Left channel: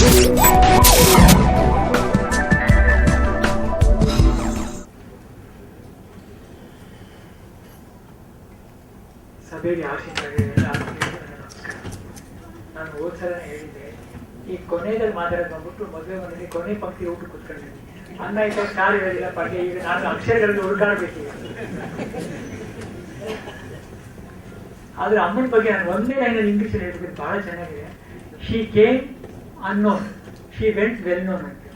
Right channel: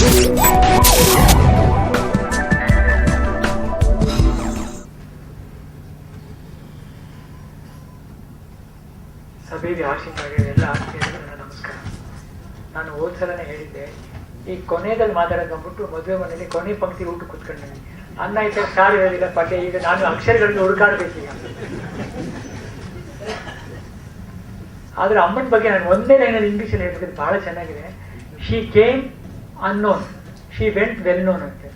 ಸಭೆಗೆ ಆಶೀರ್ವಾದ ಎಲ್ಲ ಆತ್ಮೀಯರಿಗೂ ನಮಸ್ಕಾರ. ನಾನು ಹೋದ ಸಲನೇ ಹೇಳಿದ್ದೆ, ಈ ಕೊನೆಯಲ್ಲಿ ಮಾತಾಡೋದು ಬಂದ್ಬಿಟ್ಟು ಮದುವೆ ಮನೇಲಿ ಕೊನೆ ಪಂಕ್ತಿಗೆ ಊಟ ಕೂತ್ಕೊಂಡೆ ಅನ್ನ ಆಯ್ತಾ, ಸಾರು ಹೇಳಿಲ್ಲ ಪಲ್ಯ ಈಗ ನಾನು ಅಕ್ಷರಗಳಲ್ಲಿ ಹುಡುಕಾಡ್ಬೇಕೀಗ ಆದ್ರೆ ಅಮ್ಮನ ಬಗ್ಗೆ ನಾನು ಒಂದೇ ಲೈನಲ್ಲಿ ಇಂಗ್ಲೀಷಲ್ಲಿ ಹೇಳಿದ್ರೆ ಬಹಳ ಚೆನ್ನಾಗಿದೆ. She came unknown she went well known ಅಂತೆ.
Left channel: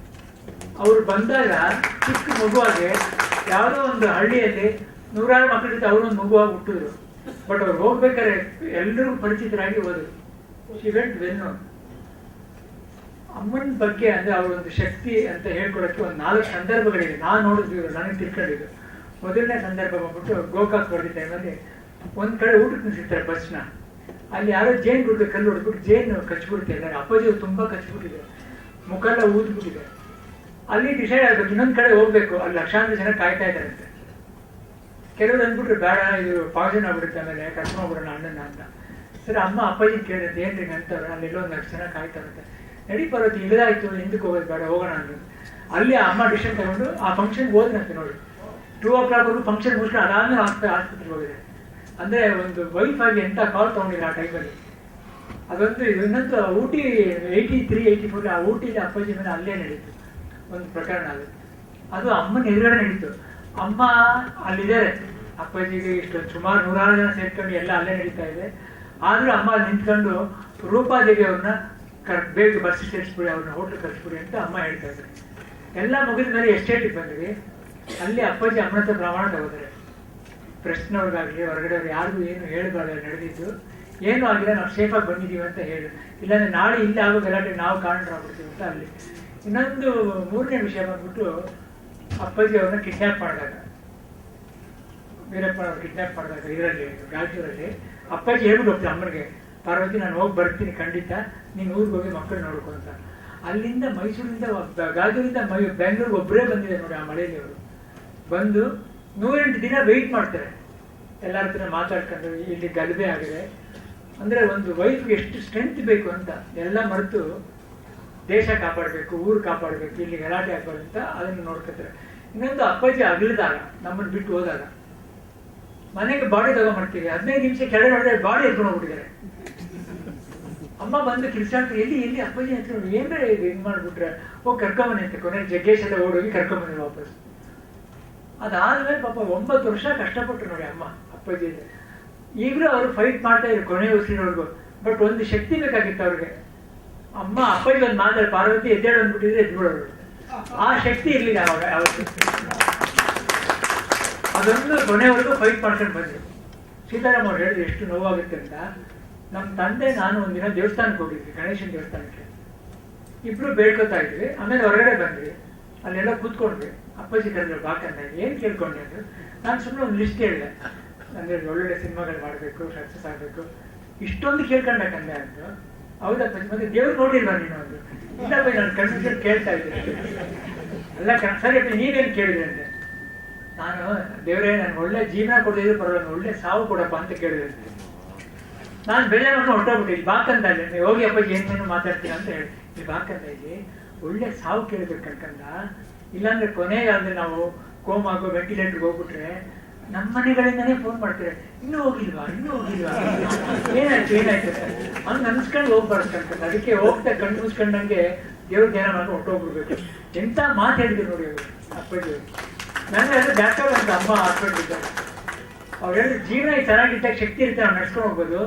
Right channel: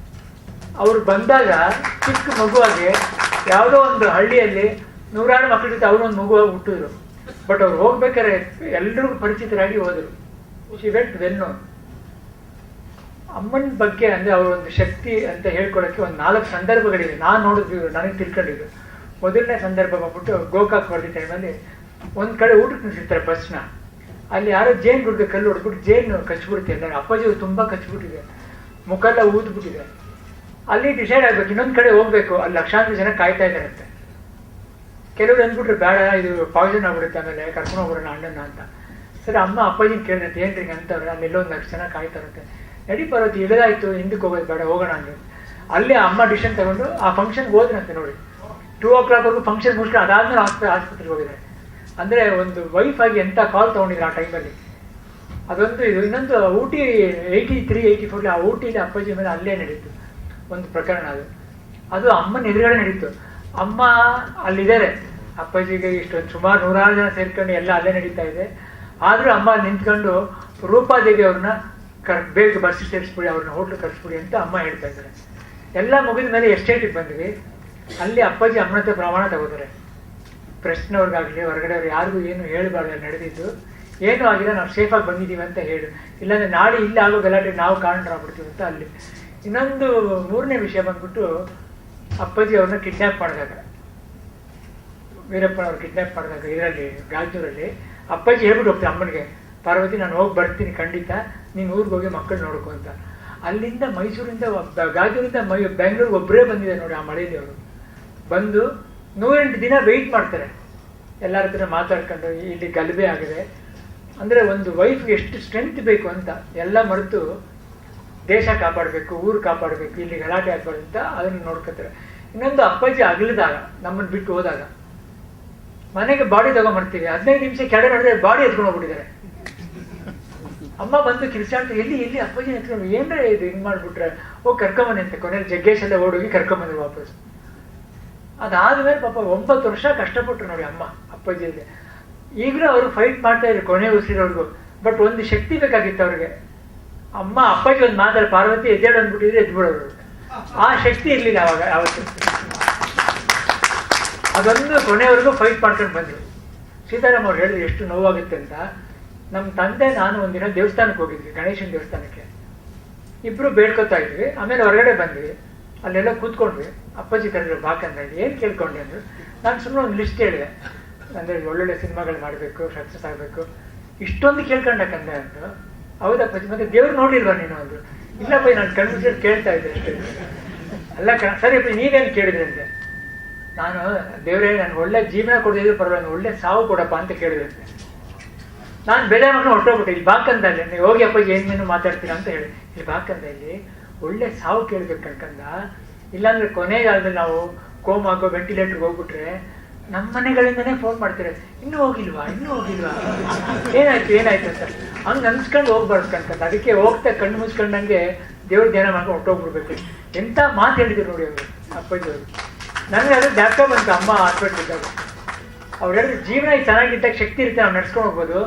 ಅವ್ರು ಬಂದಾಗ ಚಿಕ್ಕ ಮಗುವಾಗೆ ಯಾವುದೋ ಒಂದು ಹಳ್ಳಿಯಲ್ಲಿ ನೂರಾರು ಮಕ್ಕಳ ಜೊತೆ ಅವರು ಒಂದು ಮಗುವಾಗಿ ಹುಟ್ಟಿದ್ರು. ಬಟ್ ಅವ್ರು ಹೋಗ್ಬೇಕಾದ್ರೆ ಎಲ್ರಿಗೂ ಪರಿಚಿತರಾಗಿ ಹೋದರು. ಶಿ ವೆಂಟ್ ವೆಲ್ ನೋನ್ ಅಮ್ಮನ ಬಗ್ಗೆ ಅಂದರೆ ಅವ್ರ ಒಂದು ಶಕ್ತಿ ಅಂತ ಹೇಳ್ಕೊಳಕ್ಕೆ ಒಂದು ನಾಲ್ಕು ಸಂದರ್ಭಗಳಿದೆ ನಾನು ನೋಡಿದ್ವಿ ನನಗೆ ತಿಳ್ಕೊಂಡಿದ್ದು. ಮೊದಲನೇ ಸಂದರ್ಭ ಬಂದ್ಬಿಟ್ಟು ಗೋಕಾಕ್ ಹೊಡೆದ ಟೈಮಲ್ಲಿ ಒಂದು ಕಡೆ ಊಟಕ್ಕೆ ನಿಲ್ಸಿರ್ತಾರೆ ಬಸ್ನ. ಅಲ್ಲಿ ಯಾರೋ ಜೇನ್ ಗುಡ್ಗೆ ಕಲ್ಲು ಹೊಡೆದ್ಬಿಟ್ಟು ಜೇನು ಕಚ್ಬಿಡುತ್ತೆ ಎಲ್ಲ. ಅಪ್ಪಾಜಿ ಅವ್ರು ತುಂಬಾ ಕಚ್ಬಿಟ್ಟಿದೆ. ಮುಖೆಲ್ಲ ಊದ್ಬಿಟ್ಟಿದೆ. ಅಲ್ಲಿ ಡಿಸೈಡ್ ಆಗ್ಬೇಕು, ಇನ್ನೊಂದು ಕಡೆ ಹೋಗ್ಬೇಕು. ಅಲ್ಲಿ ಲಕ್ಷಾಂತರ ಜನ ಕಾಯ್ತಾ ಇದಾರಂತೆ ಕೆಲವ್ರು ಅಂದ್ಬಿಟ್ರೆ, ಬೇಡ, ಇದು ಪಾಯ್ಸನ್ ಆಗ್ಬಿಡುತ್ತೆ ಆಮೇಲೆ, ಕರ್ಕೊಂಡು ಹೋಗ್ಬಿಡೋಣ ಅಣ್ಣನ ಅಂತ. ಸರಿ, ಅಮ್ಮ ಅಪ್ಪಾಜಿ ಕೇಳಿದ್ರೆ ಏನ್ರಿ ಅಂತವ್ರೆ ಅಲ್ಲಿ ಎಲ್ಲೋ ಒಂದು ಲಕ್ಷ ಜನ ಕಾಯ್ತಾ ಇರುತ್ತೆ ನಡಿ ಪರ್ವತಿ, ಇಳಿದಾಯ್ತು, ಹಿಂದಕ್ಕೆ ಹೋಗೋದು ಬೇಡ, ಹೋಗೋಣ ಅಂದ್ರೆ ಅಲ್ಲಿ ಅಮ್ಮ ಡಿಸಿಷನ್ ತಗೊಂಡು ಆ ಫಂಕ್ಷನ್ಗೆ ಹೋದ್ರಂತೆ ನೋಡಿ. ಟೂ ಓ ಕ್ಲಾಕ್ವರೆಗೂ ಫಂಕ್ಷನ್ ಮುಗಿಸ್ಕೊಂಡು ಅದಾದ್ಮೇಲೆ ಆಸ್ಪ ಆಸ್ಪತ್ರೆಗೆ ಹೋಗಿದ್ದಾರೆ. ಅಂದ್ರೆ ಒಂದು ವೈಫ್ ಆಗಿ ಎಂತ ಕಾಲ್ ತೊಗೊಂಡಿದ್ರು ಆ ಟೈಮಲ್ಲಿ ಅದೊಂದು ಇದು, ಇನ್ನೊಂದು Ooty eighty three eighty four ಆ ಊಟಿಲಿ ಅಪ್ಪಾಜಿ ಮೇಲೆ ಅಲ್ಲೇ ನಡೀತು, ಒಂದು ಪ್ರಕರಣ ಅದು. ಅದು ಅಮ್ಮನ ಎದುರುಗಡೆ ನಡೀತು. ಅಮ್ಮ ಅಲ್ಲಿದ್ದಾರೆ. ಅಪ್ಪಾಜಿಗೆ ಇಷ್ಟು ಸುಮಾರು ನೂರಾರು ಜನ ಸೇರ್ಕೊಂಡು ಎಲ್ಲ ಅಲ್ಲೇ ನಡೀತಾ ಇದೆ. ಆದರೂ ಅಮ್ಮ ನಿಂತ್ಕೊಂಡು ರೂಪಾದೇವಿ ಅವ್ರನ್ನ ಕರ್ ಬೇಕು ಬರ್ಸಿ ಸೇರಿಸ್ಬಿಡಿ, ಅವ್ರನ್ನ ಹೋಟ್ಲ್ ಕರ್ಸ್ಬಿಡಿ ಅಂತ ಅಮ್ಮ ಹೇಳ್ತಾ ಇದ್ದಾರೆ. ಎಲ್ಲ ಮುಗಿದ ಮೇಲೆ ಎಸ್ಟೇಟಿಗೆ ಬಂದ್ವಿ. ಅಲ್ಲಿ ಅಪ್ಪಾಜಿ ಅಮ್ಮನತ್ರ ಪ್ರಮಾಣ ತಗೋತಾರೆ. ಪ್ರೆಸ್ನವ್ರಿಗಾಗಲಿ ಹೊರಗಡೆ ಅವ್ರು ಯಾರಿಗೂ ಏನು ಹೇಳಬಾರ್ದು ನಡೆದಿದ್ದು. ಏನೂ ಆಗಿಲ್ಲ, ನಾವು ಸೇಫಾಗಿ ಬಂದಿದ್ದೀವಿ ಅಂತ ಹೇಳು. ಇಲ್ಲಾಂದರೆ ನಾಳೆ ಇಲ್ಲಿ ಆಗೋ ಗಲಾಟೆ ನಾವು ಕಾರಣರಾಗ್ಬಿಡ್ತೀವಿ ಅಂತ ಅಲ್ಲಿ. ಇನ್ನೊಂದು ಮೂರನೇ ವಿಷಯ ಬಂದ್ಬಿಟ್ಟು ಅಪ್ಪಾಜಿ ಅವ್ರನ್ನ ಕಿಡ್ನ್ಯಾಪ್ ಮಾಡಿದಾಗ. ವೀರಪ್ಪನ ಅವ್ರು ಕಿಡ್ನ್ಯಾಪ್ ಮಾಡಿದಾಗ ಇದರಲ್ಲಿ, ಗಾಜೂರಲ್ಲಿ. ಅಪ್ಪಾಜಿ ಹೇಳ್ಬಿಟ್ಟು ಹೋಗ್ತಾರೆ ಅಮ್ಮನಿಗೆ, ಪಾರ್ವತಿ, ನಾನು ಹೋಗಿ ಬರ್ತೀನಿ, ಖಂಡಿತ. ನೀನು ಊರಿಗೆ ಹೋಗಿ ಮಕ್ಕಳು ನೋಡ್ಕೊ ಅಂತ. ಅಲ್ಲಿಂದ ಮೈಸೂರಿಂದ ಗಾಜೂರಿಂದ ಮೈ, ಬೆಂಗಳೂರಿಗೆ ಒಬ್ಬರೇ ಬಂದಿದೆ ನೋಡಿ ಆ ಮಳೆಯಲ್ಲಿ ಅವರು. ಬಂದು ನೂರೆಂಟು ದಿನ ವೆಯ್ಟ್ ಮಾಡ್ತಾರೆ. ಎಲ್ಲರ ಹತ್ರ ಮಾತಾಡ್ಕೊಂಡು ಇಲ್ಲಿ ಗಲಭೆ ಆಗಿದೆ. ಅಂದರೆ ಒಂದು ವೈಫ್ಗೆ ಎಷ್ಟು ಸ್ಟ್ರೆಂತ್ ಬೇಕು ಅಂತ ಎಲ್ಲ ಮರೆತು ದೇಶ ಕಾಪಾಡಬೇಕು, ಊರು ಕಾಪಾಡಬೇಕು, ಇಲ್ಲಿ ಗಲಾಟೆ ಆಗ್ಬಾರ್ದು ಅಂತ ಅದನ್ನು ನೋಡ್ಕೊತಾರೆ. ಇನ್ನೊಂದು ಅಪ್ಪಾಜಿ ಅಗಲಿದಾಗ ನಮ್ಮನ್ನು ಬಿಟ್ಟು ಹೋದಾಗ. ಮನೆಗೆ ಬಾಡಿ ತಗೊಂಡ್ಬರ್ತೀವಿ ಹದಿನೈದು ನಿಮಿಷ ಕೆಳಗೆ ನೋಡಿದ್ರೆ ಬಾಡಿ ಎತ್ಕೊಂಡು ಹೋಗ್ಬಿಟ್ಟಿದ್ದಾರೆ. ಅಮ್ಮ ಬಂದು ಕಿರ್ಚಾಡ್ತ, ಎಲ್ಲಿ ಎಲ್ಲಿ ಅಪ್ಪಾಜಿ ಎತ್ಕೊಂಡು ಏನ್ರ ಇದು ಹಿಂಗ್ ಮಾಡ್ಬಿಟ್ರೆ? ಹೋಗಿ ಕರ್ಕೊಂಬನ್ನಿ ಅಂತ, ಕೊನೆಗೆ ಜಗ್ಗೇಶ್ ಎಲ್ಲ ಓಡೋಗಿ ಕರ್ಕೊಂಬಂದ್ರು ವಾಪಸ್. ಅದಾದ್ಮೇಲೆ ಪಾಪ ಒಂಬತ್ತು ವರ್ಷ ಕಷ್ಟಪಟ್ರು ನೋಡಿ ಅಮ್ಮ. ಅಪ್ಪಾಜಿಗೆ ಈಗಲೂ ಅವರು ಫೈಟ್ ಮಾಡ್ತಾ ಇದ್ರು ಕೊನೆ ಉಸಿರೋರ್ಗು. ಬಟ್ ಒಂದು ಶಕ್ತಿ ಬೇಕಾಗಿತ್ತು ಅವ್ರಿಗೆ. ಅಮ್ಮ, ಅಪ್ಪಾಜಿ ಒಂದು ಮಾತಾಡ, ಪಾರ್ವತಿ ಎದ್ದೇಳು ಅಂದ್ಬಿಟ್ಟಿದ್ರೆ ಎದ್ಬಿಡೋರು. ಆ ಶಕ್ತಿ ಇರ್ಲಿಲ್ಲ ಅವಾಗ, ಯಾವತ್ತು. ಅದೊಂದು ಕೊನೆವರೆಗೂ ಫೈಟ್ ಮಾಡ್ಕೊಂಡು ಬಂದ್ರು. ಸೀತಾರಾಮ್ ಅವ್ರು ಹೇಳಿದ್ರು, ಎಷ್ಟು ನೋವಾಗುತ್ತೆ ಅಂತ. ನಮ್ಮ ತಂದೆ, ನಾನು ಒಂದಿನ ದೇವಸ್ಥಾನಕ್ಕೆ ಹೋಗಿದ್ವಿ, ಗಣೇಶನ ದೇವಸ್ಥಾನಕ್ಕೆ. ಇಬ್ರು ಬೇಡ್ಕೊತಾ ಇದ್ವಿ. ಆಮೇಲೆ ಹೊರಗಡೆ ಬಂದ್ವಿ. ಅಲ್ಲೆಲ್ಲ ಕೂತ್ಕೊಂಡ್ವಿ. ಅಪ್ಪಾಜಿ ಕರೆದ್ರು, ಬಾಕಂದ, ಏನು ಕೇಳ್ಕೊಂಡೆ? ಅಂದ್ರು. ನಾನು ಸುಮ್ಮನೆ ಒಂದು ಲಿಸ್ಟ್ ಹೇಳಿದೆ. ಅಂದರೆ ಒಳ್ಳೊಳ್ಳೆ ಸಿನಿಮಾಗಳು ಮಾಡಬೇಕು ಸಕ್ಸಸ್ ಆಗಬೇಕು. ಇಷ್ಟೊಂದು ಕೇಳ್ಕೊಂಡಕ್ಕಂದೆ ಅಂದ್ರು ಹೌದಪ್ಪಾಜಿ ಮತ್ತೆ ದೇವ್ರು ನೋಡಿಲ್ವಾ ನೀನು ಅಂದ್ರು ಇಲ್ಲಪ್ಪ, ನಾನು ಕಣ್ಮುಚ್ಚಿಟ್ಟು ಕೇಳ್ತಾ ಇದ್ದೆ ಅಷ್ಟೇ. ಅಲ್ಲ ಕಣ ಸರಿಯಪ್ಪ ನೀವೇನು ಕೇಳಿದ್ರಿ ಅಂತೆ? ನಾನು, ದೇವರೇ, ನನ್ಗೆ ಒಳ್ಳೆ ಜೀವನ ಕೊಡೋದಿದ್ರು ಪರವಾಗಿಲ್ಲ ಒಳ್ಳೆ ಸಾವು ಕೊಡಪ್ಪ ಅಂತ ಕೇಳಿದೆ. ನಾನು ಬೆಳೆ ಮಣ್ಣು ಹೊಟ್ಟೋಗ್ಬಿಟ್ಟೆ ಇಲ್ಲಿ ಬಾಕಂದ ಅಲ್ಲಿ, ನೀವು ಹೋಗಿ ಅಪ್ಪ ಏನೇನು ಮಾತಾಡ್ತೀರಾ ಅಂತ ಹೇಳಿ. ಇಲ್ಲಿ ಬಾಕಂದ ಇಲ್ಲಿ, ಒಳ್ಳೆ ಸಾವು ಕೇಳ್ಬೇಕು ಕಣ್ಕಂದ. ಇಲ್ಲಾಂದ್ರೆ ಕೊನೆಗಾಲದಲ್ಲಿ ನಾವು ಕೋಮ್ ಆಗೋ ವೆಂಟಿಲೇಟರ್ಗೆ ಹೋಗ್ಬಿಟ್ರೆ ನಮ್ಮ ಮನೆಗಳಿಂದನೇ ಫೋನ್ ಮಾಡ್ತಾರೆ, ಇನ್ನೂ ಹೋಗಿಲ್ವಾ ಇನ್ನೂ ಹೋಗಿಲ್ವಾ? ಏನಾಯ್ತು ಏನಾಯ್ತು ಅಂತ. ಹಂಗೆ ಅನ್ಸ್ಕೊಂಡು ಹೋಗ್ಬಾರ್ದು ಅದಕ್ಕೆ ಹೋಗ್ತಾ ಕಣ್ಣು ಮುಚ್ಕೊಂಡಂಗೆ ದೇವ್ರ ಧ್ಯಾನ ಮಾಡ್ಕೊಂಡು ಹೊಟ್ಟೋಗ್ಬಿಡ್ಬೇಕು ಎಂತ ಮಾತು ಹೇಳಿದ್ರು ನೋಡಿ ಅವರು, ಅಪ್ಪಾಜಿ ಅವರು. ನನಗೆ ಅದು ಡಾಕ್ಟರ್ ಬಂತು, ಅಮ್ಮ ಹಾಸ್ಪಿಟ್ಲ್ ಇದ್ದಾಗ ಅವ್ರು ಹೇಳಿದ್ರು, ಜೀವನ ಚೆನ್ನಾಗಿದ್ದಾಗ ಶಕ್ತಿ ಇರುತ್ತೆ, ನಾವು ನಡ್ಸ್ಕೊಂಡು ಹೋಗ್ಬೋದು.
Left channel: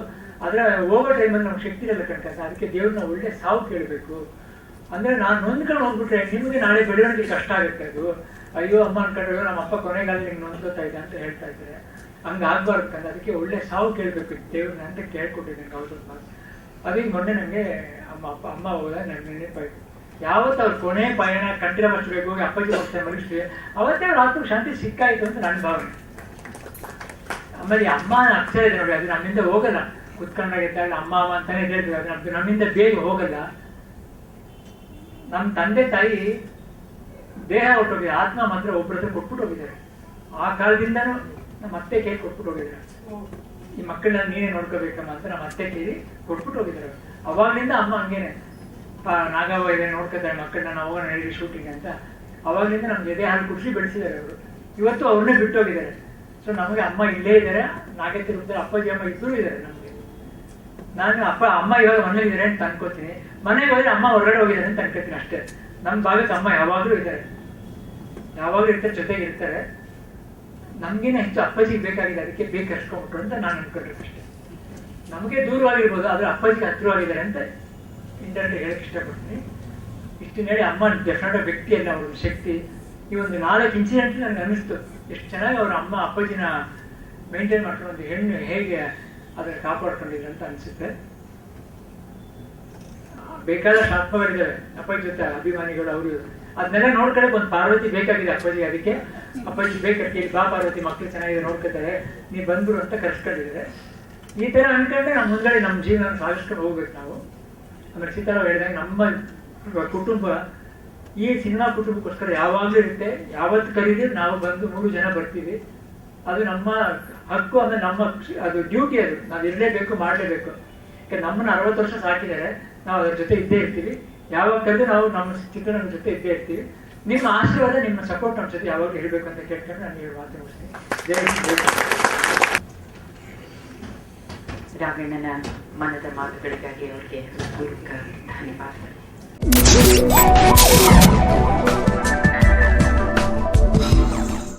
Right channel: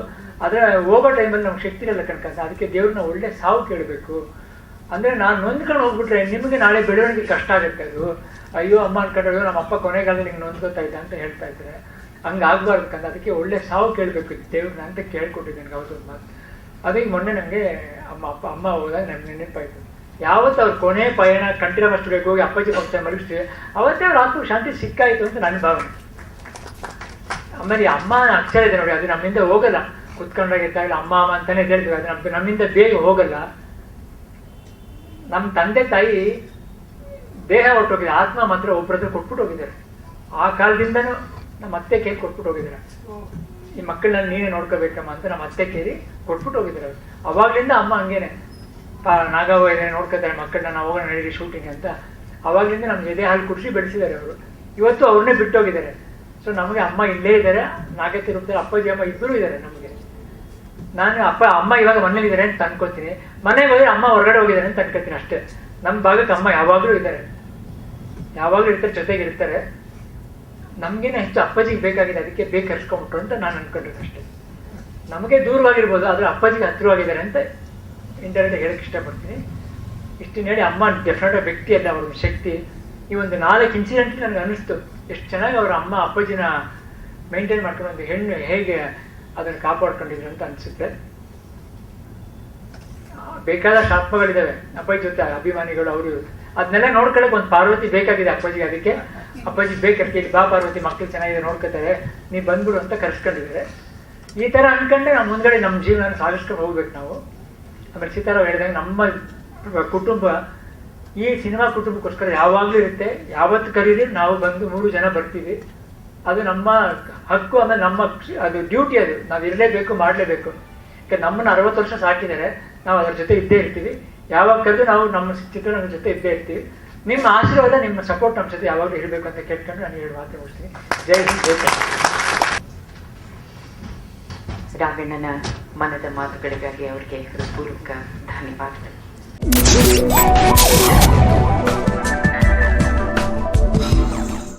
ಆದರೆ ಹೋಗೋ ಟೈಮಲ್ಲಿ ನಮ್ಗೆ ಶಕ್ತಿ ಇರಲ್ಲ ಕಣ್ಕಂತ ಅದಕ್ಕೆ ದೇವ್ರನ್ನ ಒಳ್ಳೆ ಸಾವು ಕೇಳಬೇಕು. ಅಂದರೆ ನಾನು ನೊಂದ್ಕೊಂಡು ಹೋಗ್ಬಿಟ್ರೆ ನಿಮಗೆ ನಾಳೆ ಬೆಳವಣಿಗೆ ಕಷ್ಟ ಆಗುತ್ತೆ ಅದು. ಅಯ್ಯೋ, ಅಮ್ಮ ಅನ್ಕೊಂಡ್ರೆ ನಮ್ಮ ಅಪ್ಪ ಕೊನೆಗಾಲ ನಿಂಗೆ ನೊಂದ್ಕೋತಾ ಇದ್ದ ಅಂತ ಹೇಳ್ತಾ ಇದ್ರೆ, ಹಂಗೆ ಆಗ್ಬಾರ್ದು ಕಂದ ಅದಕ್ಕೆ ಒಳ್ಳೆ ಸಾವು ಕೇಳಬೇಕು ದೇವ್ರನ್ನ ಅಂತ ಕೇಳ್ಕೊಟ್ಟಿದ್ದೀನಿ ಅವತ್ತು ಮಾತು ಅದಕ್ಕೆ ಮೊನ್ನೆ ನನಗೆ ಅಮ್ಮ, ಅಪ್ಪ, ಅಮ್ಮ ಹೋದಾಗ ನನ್ನ ನೆನಪಾಯ್ತು. ಯಾವತ್ತು ಅವ್ರ ಕೊನೆ ಪಯಣ ಕಂಠಿರ ಮಸ್ತಿಗೆ ಹೋಗಿ ಅಪ್ಪಾಜಿ ಹೋಗ್ತಾರೆ ಮಡಿಸ್ತೀವಿ ಅವತ್ತೇ ಅವ್ರ ಆತ್ಮ ಶಾಂತಿ ಸಿಕ್ಕಾಯಿತು ಅಂತ ನನ್ನ ಭಾವನೆ. ಆಮೇಲೆ ಅಮ್ಮ ಅಕ್ಷರ ಇದೆ ನೋಡಿ, ಅದು ನಮ್ಮಿಂದ ಹೋಗಲ್ಲ. ಕುತ್ಕೊಂಡಾಗ ಇದ್ದಾಗ ಅಮ್ಮ ಅಮ್ಮ ಅಂತಾನೆ ಹೇಳ್ತೀವಿ ಅದು ನಮ್ ನಮ್ಮಿಂದ ಬೇಗ ಹೋಗಲ್ಲ. ನಮ್ಮ ತಂದೆ ತಾಯಿ ದೇಹ ಹೊರಟೋಗಿದೆ, ಆತ್ಮ ಮಾತ್ರ ಒಬ್ಬರ ಹತ್ರ ಕೊಟ್ಬಿಟ್ಟು ಹೋಗಿದ್ದಾರೆ. ಆ ಕಾಲದಿಂದನೂ ನಮ್ಮ ಅತ್ತೆ ಕೇಳಿ ಕೊಟ್ಬಿಟ್ಟು ಹೋಗಿದ್ದಾರೆ. ಈ ಮಕ್ಕಳನ್ನ ನೀನೇ ನೋಡ್ಕೋಬೇಕಮ್ಮ ಅಂತ ನಮ್ಮ ಅತ್ತೆ ಕೇಳಿ ಕೊಟ್ಬಿಟ್ಟು ಹೋಗಿದ್ದಾರೆ ಅವಾಗ್ಲಿಂದ ಅಮ್ಮ ಹಂಗೇನೆ ನಾಗವ್ವ ಇದೆ ನೋಡ್ಕೋತಾರೆ ಮಕ್ಕಳನ್ನ, ನಾವು ಹೋಗೋಣ, ನಡೀರಿ ಶೂಟಿಂಗ್ ಅಂತ. ಅವಾಗಲಿಂದ ನಮ್ಗೆ ಎದೆ ಹಾಲು ಕುಡಿಸಿ ಬೆಳೆಸಿದ್ದಾರೆ ಅವರು. ಇವತ್ತು ಅವ್ರನ್ನೇ ಬಿಟ್ಟೋಗಿದ್ದಾರೆ. ಸೊ ನಮಗೆ ಅಮ್ಮ ಇಲ್ಲೇ ಇದ್ದಾರೆ ನಾಗತಿ ರೂಪದಲ್ಲಿ ಅಪ್ಪಾಜಿ, ಅಮ್ಮ ಇಬ್ಬರು ಇದ್ದಾರೆ ನಮಗೆ. ನಾನು ಅಪ್ಪ, ಅಮ್ಮ ಇವಾಗ ಮನೇಲಿದ್ದಾರೆ ಅಂತ ಅನ್ಕೋತೀನಿ. ಮನೆಗೆ ಹೋದ್ರೆ ಅಮ್ಮ ಹೊರಗಡೆ ಹೋಗಿದ್ದಾರೆ ಅಂತ ಅನ್ಕೋತೀನಿ ಅಷ್ಟೇ. ನಮ್ಮ ಭಾಗಕ್ಕೆ ಅಮ್ಮ ಯಾವಾಗಲೂ ಇದ್ದಾರೆ. ಯಾವಾಗಲೂ ಇರ್ತಾರೆ, ಜೊತೆಗೆ ಇರ್ತಾರೆ. ನಮಗೇನೆ ಹೆಚ್ಚು ಅಪ್ಪಾಜಿಗೆ ಬೇಕಾಗಿದೆ, ಅದಕ್ಕೆ ಬೇಕು ಕರ್ಸ್ಕೊಂಬಿಟ್ರು ಅಂತ ನಾನು ಅನ್ಕೊಂಡಿರೋದು ಅಷ್ಟೇ. ನಮಗೆ ದೂರವಾಗಿರ್ಬೋದು, ಆದರೆ ಅಪ್ಪಾಜಿಗೆ ಹತ್ತಿರವಾಗಿದ್ದಾರೆ ಅಂತ ಇಂಟರ್ನೆಟ್ ಹೇಳಕ್ಕೆ ಇಷ್ಟಪಡ್ತೀನಿ. ಇಷ್ಟು ಹೇಳಿ ಅಮ್ಮ ಡೆಫಿನೆಟ್ ವ್ಯಕ್ತಿ ಅಲ್ಲ, ಅವ್ರ ಶಕ್ತಿ. ಈ ಒಂದು ನಾಲ್ಕು ಇನ್ಸಿಡೆಂಟ್ ನನಗೆ ಅನಿಸ್ತು ಎಷ್ಟು ಚೆನ್ನಾಗಿ ಅವ್ರ ಅಮ್ಮ ಅಪ್ಪಾಜಿನ ಮೇಂಟೈನ್ ಮಾಡ್ಕೊಂಡು ಒಂದು ಹೆಣ್ಣು ಹೇಗೆ ಅದನ್ನು ಕಾಪಾಡ್ಕೊಂಡಿದ್ರು ಅಂತ ಅನಿಸುತ್ತೆ. ಬೇಕಾದಷ್ಟು ಆತ್ಮಗಳಿದ್ದಾವೆ. ಅಪ್ಪಾಜಿ ಜೊತೆ ಅಭಿಮಾನಿಗಳು ಅವರು. ಅದನ್ನೆಲ್ಲ ನೋಡ್ಕೊಳಕ್ ಒಂದು ಪಾರ್ವತಿ ಬೇಕಾಗಿದೆ ಅಪ್ಪಾಜಿಗೆ ಅದಕ್ಕೆ. ಅಪ್ಪಾಜಿ ಬೇಕಾಗಿ ಬಾ ಪಾರ್ವತಿ ಮಕ್ಕಳು ಚೆನ್ನಾಗಿದೆ, ನೋಡ್ಕೊತಾರೆ. ನೀ ಬಂದ್ಬಿಡು ಅಂತ ಕರ್ಸ್ಕೊಂಡಿದ್ದಾರೆ. ಈ ಥರ ಅನ್ಕೊಂಡೆ ನಮ್ಮ ಮುಂದ್ಗಡೆ ನಮ್ಮ ಜೀವನ ಸಾಗಿಸ್ಕೊಂಡು ಹೋಗ್ಬೇಕು ನಾವು. ಆಮೇಲೆ ಸೀತಾರಾವ್ ಹೇಳಿದಾಗ ನಮ್ಮ ಕುಟುಂಬ, ಈ ಸಿನಿಮಾ ಕುಟುಂಬಕ್ಕೋಸ್ಕರ ಯಾವಾಗಲೂ ಇರುತ್ತೆ. ಯಾವತ್ತು ಕರೀರಿ, ನಾವು ಬಂದು ಮೂರು ಜನ ಬರ್ತೀವಿ. ಅದು ನಮ್ಮ ಹಕ್ಕು ಅಂದ್ರೆ ನಮ್ಮ ಅದು ಡ್ಯೂಟಿ ಅದು. ನಾವು ಇರಲೇಬೇಕು, ಮಾಡಲೇಬೇಕು. ಯಾಕೆ ನಮ್ಮನ್ನ ಅರವತ್ತು ವರ್ಷ ಸಾಕಿದ್ದಾರೆ. ನಾವು ಅದ್ರ ಜೊತೆ ಇದ್ದೇ ಇರ್ತೀವಿ. ಯಾವಾಗ ಕರೆದು ನಾವು ನಮ್ಮ ಚಿತ್ರರಂಗದ ಜೊತೆ ಇದ್ದೇ ಇರ್ತೀವಿ. ನಿಮ್ಮ ಆಶೀರ್ವಾದ, ನಿಮ್ಮ ಸಪೋರ್ಟ್ ನಮ್ಮ ಜೊತೆ ಯಾವಾಗ ಇರಬೇಕು ಅಂತ ಕೇಳ್ಕೊಂಡು ನಾನು ಹೇಳಿ ಮಾತು ಮುಗಿಸ್ತೀನಿ. ಜೈ ಹಿಂದ್, ಜೈ. ರಾಘಣ್ಣನ ಮನದ ಮಾತುಗಳಿಗಾಗಿ ಅವರಿಗೆ ಹೃತ್ಪೂರ್ವಕ ಧನ್ಯವಾದಗಳು.